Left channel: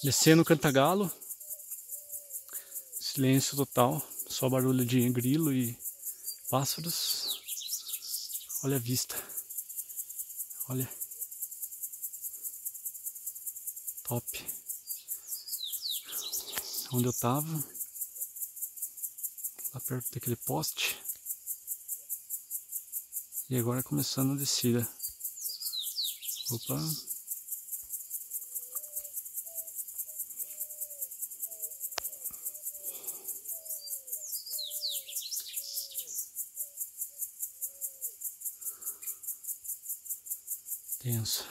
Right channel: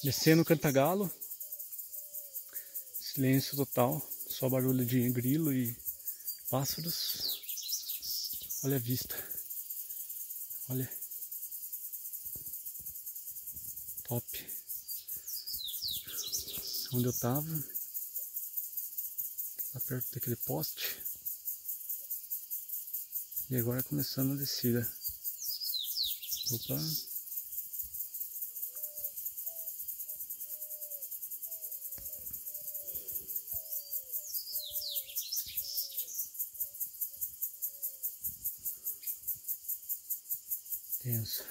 Descendo o Cantagalo, silêncio total, só barulho de grilo e pássaros. Olha a vista, olha, top. Onde eu tava, lá perto daquele poste, e agora começando a descida. Opa! Tenso.